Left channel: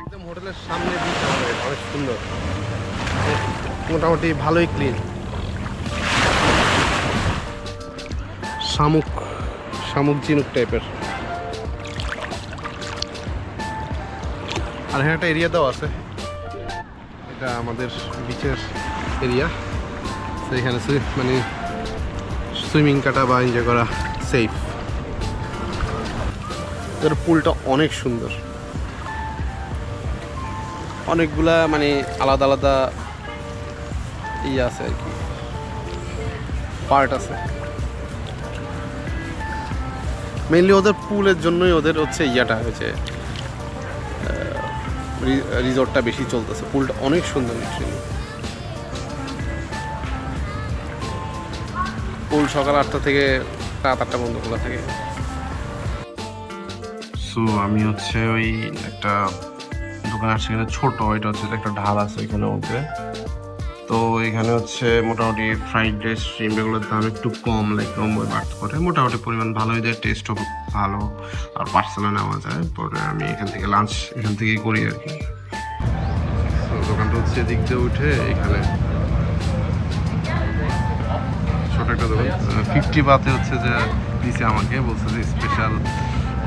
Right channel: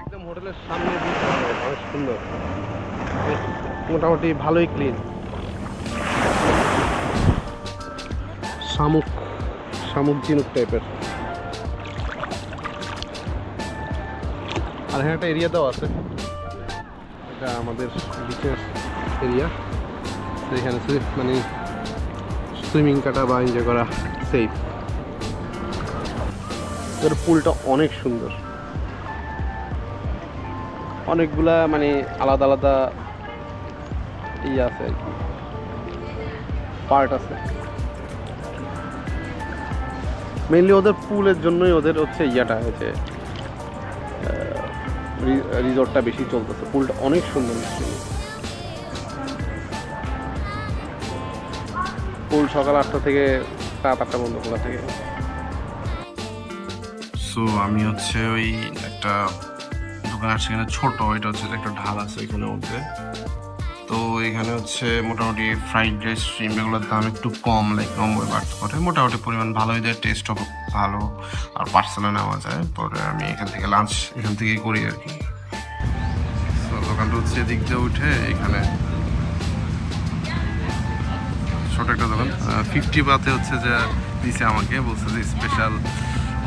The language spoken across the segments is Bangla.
একদম হোটেলের সামনে অনেক সুন্দর, মোটামুটি ভালোই ক্লিন। শামুক শামুক ঝিনুক টাইপের। আর হ্যাঁ, একটা এরিয়া দেওয়া আছে, এটা আমাদের বিচের এরিয়া। তো এখানে মানে সুইমিং কাটা বা এনজয় করা সেফ। এর পুলটা অনেক সুন্দর, অনেকগুলা মানে আলাদা আলাদা ইয়ে আছে আর কি, পার্ট আছে। মেইনলি ওদের পুলের জন্যই ওদের হচ্ছে ইয়াটা হয়েছে, রিসর্টটা বেশি চলতেছে। পুলটা অনেক সুন্দর, পুল সকাল 8টা থেকে রাত 8টা বন্ধ খোলা থেকে। সো আমি হচ্ছে ওই একটা দোকান আসছে, এখানে ছোট, এটা হচ্ছে একটা ঢাল আছে এখানে মধ্যে। তো এখানে হচ্ছে মোটামুটি ফ্রাইড রাইস স্ট্রিম এগুলোর দাম একটু কম, লাইক 90 বাট করে, মোটামুটি পরিমাণ ভালোই দেয়, টেস্টও ভালো, আর পার্সেলও নেওয়া যায়। পরে আমি এখান থেকে লাঞ্চ এখান থেকেই করি আর কি। তো দোকানটা হচ্ছে এদিক দিয়ে উঠে এখানে ছোট একটা দোকান, 50 বাতে হচ্ছে যে দিছে আমাকে, বলছে যে স্পেশাল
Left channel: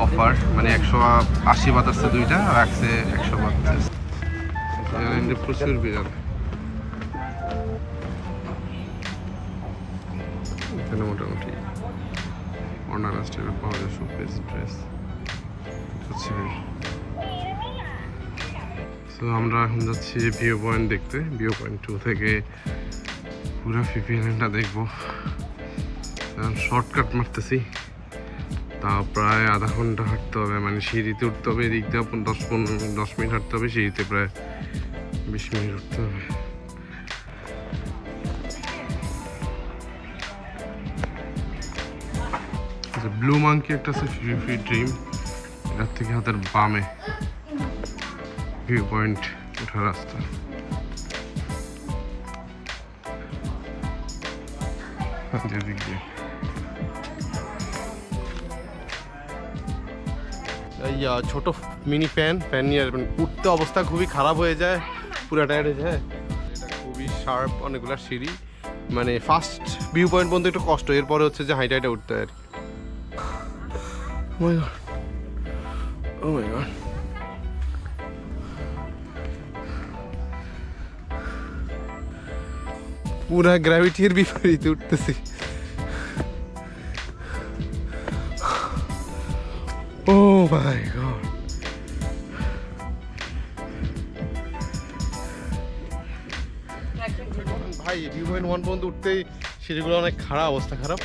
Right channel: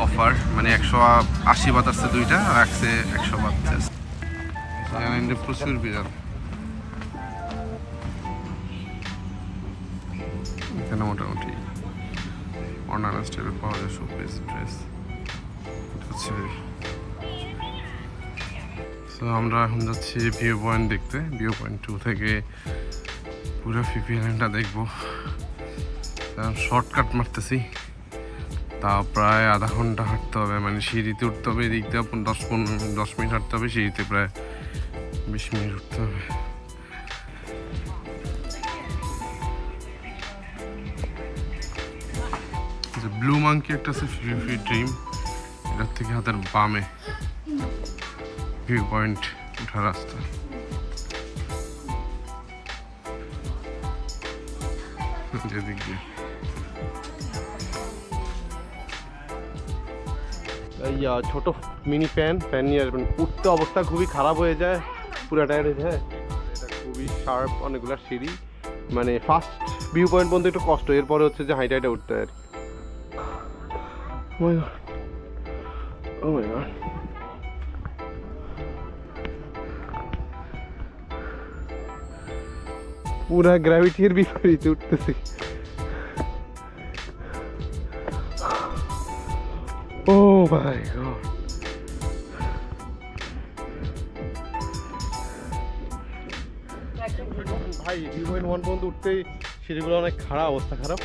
অফার, মানে 180 বাত আসছে দুইটা, আর রাখছে 100 বাত। এখানে প্রচুর বিরাল, এখানে মোটামুটি অর্নামেন্টস টাইপের পাওয়া যায়, শোপিস ড্রেস হচ্ছে। তো আমরা এখন যাচ্ছি ভিউ পয়েন্ট দেখতে। ভিউ পয়েন্ট 2 থেকে পুরো ফিফি আইল্যান্ডটা দেখবো। শর্টকাট মারতেছি, তা প্রায় আধা ঘন্টা হাঁটতে হবে, মানে সিঁড়িতে উঠতে হবে, এদিক দিয়ে 10 মিনিট হাঁটতে হবে, সিঁড়িতে প্রায় 20 মিনিট উঠতে হবে। ব্লু মাঙ্কি একটা আছে, ফ্রি ড্রিম, এটার থেকে হাতের বামে ভিউ পয়েন্ট ওঠার রাস্তা। যেদিক দিয়ে ছোট মিনি ফ্যান নিয়ে আসবেন, উঠতে অবস্থা খুবই খারাপ হয়ে যায়, পুরো টায়ার্ড হয়ে যায়। এটা খুবই শার্প, অনেকগুলো সিঁড়ি, মানে ফার্স্ট ভিউ পয়েন্ট পর্যন্ত একটু কষ্ট, এরপরে হচ্ছে যে হাইটা উঠতে হয় আর কি। Oh my god. Oh my god. পুরা গ্র্যাভিটির বিপরীতে উঠতেছি। Oh my god. ভাই ভিউ পয়েন্ট 1 পর্যন্ত উঠতেই সিঁড়িগুলো অনেক খারাপ, অবস্থা খারাপ।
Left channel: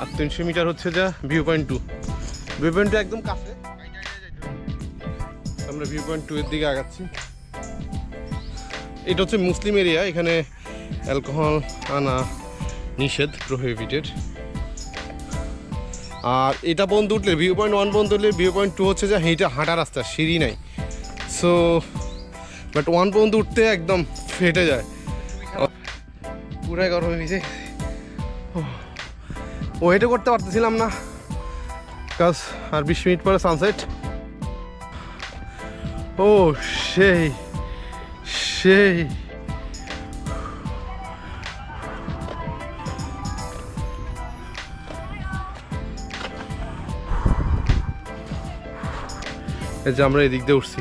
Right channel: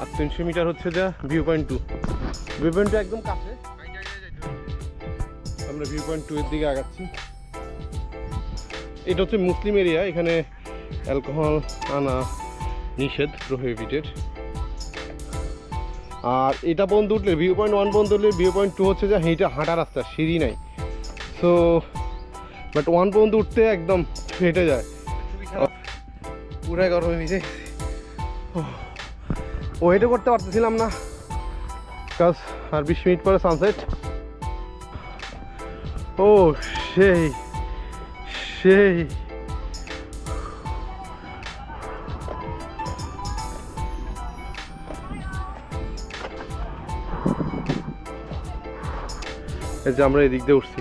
আর 300 মিটার হচ্ছে যা ভিউ পয়েন্ট 2। ভিউ পয়েন্ট 2 একদম কাছে, আমরা ভিউ পয়েন্ট 2 এর দিকে আগাচ্ছি। এটা হচ্ছে মুসলিম এরিয়া, এখানে অ্যালকোহল আনা নিষেধ, প্রোহিবিটেড। আর এটা পর্যন্ত উঠলে ভিউ পয়েন্ট 1 পর্যন্ত উঠলে ভিউ পয়েন্ট 2 হচ্ছে যে হাঁটা রাস্তা, সিঁড়ি নাই। সো বাট 1 পর্যন্ত উঠতে একদম ফেটে যায়, পুরাই গরমে ভিজে। ওয়েটও করতে পারতেছিলাম না, কাজ আর 20 মিনিট পরে সানসেট। ও সেই সেই এই যে আমরা এদিক দিয়ে উঠছি।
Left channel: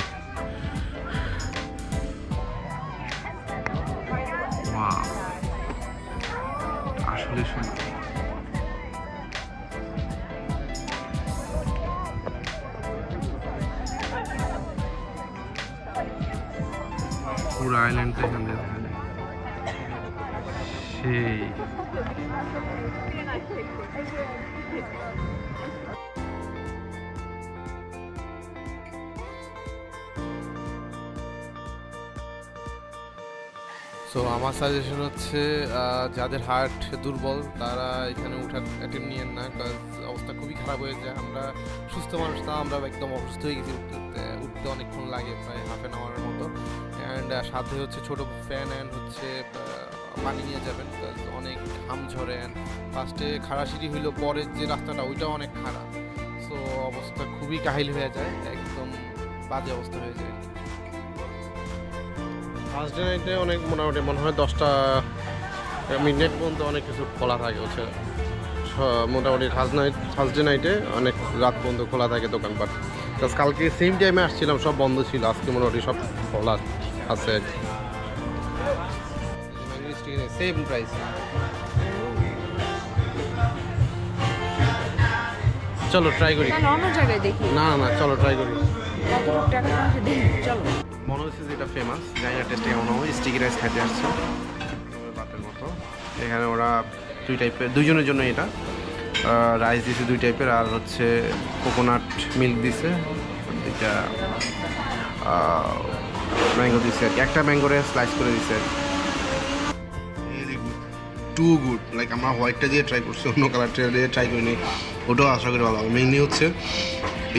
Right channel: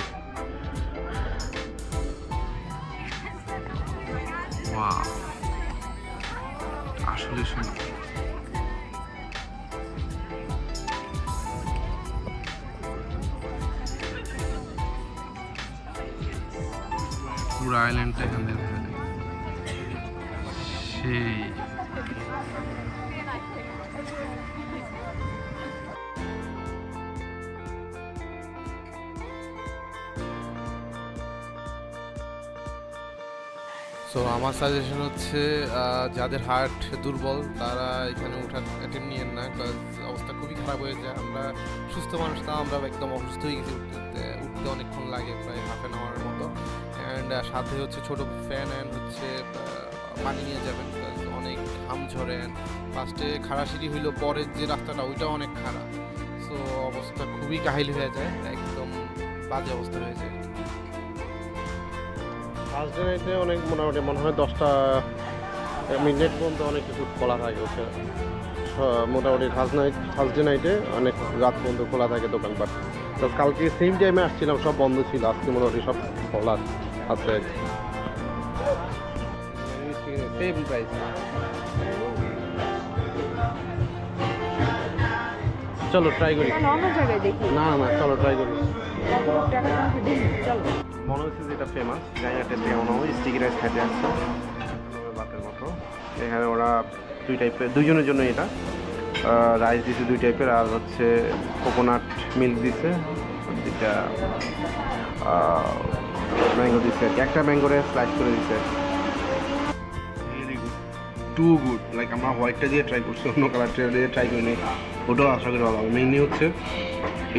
আসলে সুন্দর, পুরো আইল্যান্ডটা এখান থেকে দেখা যায়, সেই সো আমার সাজেশন হচ্ছে যাদের হার্ট দুর্বল তারা এখানে উঠার অ্যাটেম্প নিয়েন না, কাজ অবস্থা খুবই খারাপ হয়ে যায়। আমরা সুস্থ মানুষ, তা আমরা একদম অসুস্থ হয়ে গেছি, উঠতে অনেকক্ষণ লাগে, প্রায় হাফ অ্যান আওয়ারের মতো। অ্যান্ড সাথে হচ্ছে ছোটো ফ্যান অ্যান্ড হচ্ছে পানি নিয়ে যাবেন, কাজ অনেক ঘাম ঝরে। অ্যান্ড ফার্স্টে খাড়া সিঁড়ি হইলো, পরের যে রাস্তাটা ওইটাও অনেক খারাপ। সো অবস্থা খুবই কাহিল হয়ে যায়, একদম বাজে অবস্থা হয়ে যায় আর কি। থার্সডে নাইটে অনেক মোটামুটি মনে হয় 10টা মিডনাইট পর্যন্ত অনেক কিছু খোলা থাকে হচ্ছে মোটামুটি থার্সডে নাইটে অনেক রাত পর্যন্ত খোলা থাকে দোকানপাট। প্লাস কালকে সেম টাইমে আসছিলাম, সব বন্ধ ছিল, আজকে মোটামুটি সব খোলা আছে। Same price. চলো ট্রাই করি। অন্য জায়গায় দেখি না না চলো ট্রাই করি। চলো। মনে হচ্ছে যে এটা ফেমাস, জানি না টেস্টে কেমন হবে। স্টিকি রাইস খেতে আসছে বাটের মতো। এখানে ওরা দুইজনের জন্য এটা রাইস দিছে 2 টাইপের, আর হচ্ছে কোকোনাট মিল্ক দিছে, দুইটা ম্যাঙ্গো দিছে, একটা ম্যাঙ্গোরে স্লাইস করে দিছে। Two good. লাইক আমরা হোয়াইটটা দিয়ে ট্রাই করছি, অন্য কালারটা দিয়ে ট্রাই করিনি, ওটাও আশা করি ভালো হবে। মেইনলি হচ্ছে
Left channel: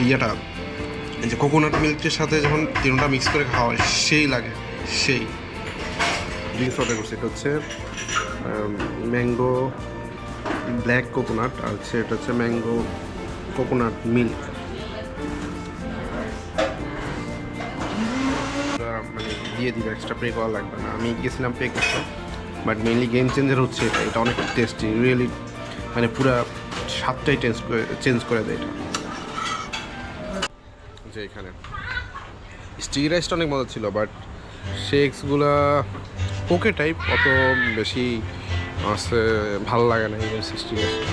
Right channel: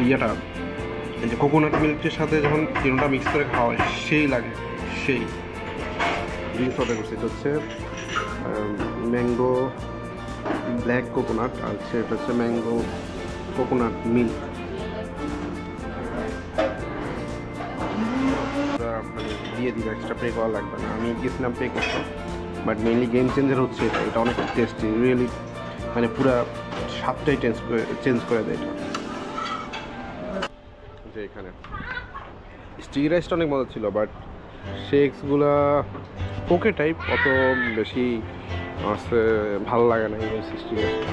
ইয়েটা, এই যে কোকোনাট মিল্কের সাথে যখন তিনটা মিক্স করে খাওয়া হয় সেই লাগে, সেই ড্রিঙ্কস অর্ডার করছি। এটা হচ্ছে ম্যাঙ্গো ব্ল্যাক কোকোনাট, আর হচ্ছে এটা হচ্ছে ম্যাঙ্গো কোকোনাট মিল্ক। মানে দিয়ে দিবে, এক্সট্রা পে করা লাগবে না। আমি গেছিলাম পে করতে, বাট মেইনলি গেম চেঞ্জার হচ্ছে এটা। এটা অনেক টেস্টি, রিয়েলি মানে পুরো স্বাদটাই চেঞ্জ করে দেয় এটা। যে এখানে স্টিকি রাইসটা অনেক মজা ছিল, বাট শেকসগুলা ওকে টাইপ, অত বেশি আছে ভালো লাগে না এই স্টিকি রাইসটা।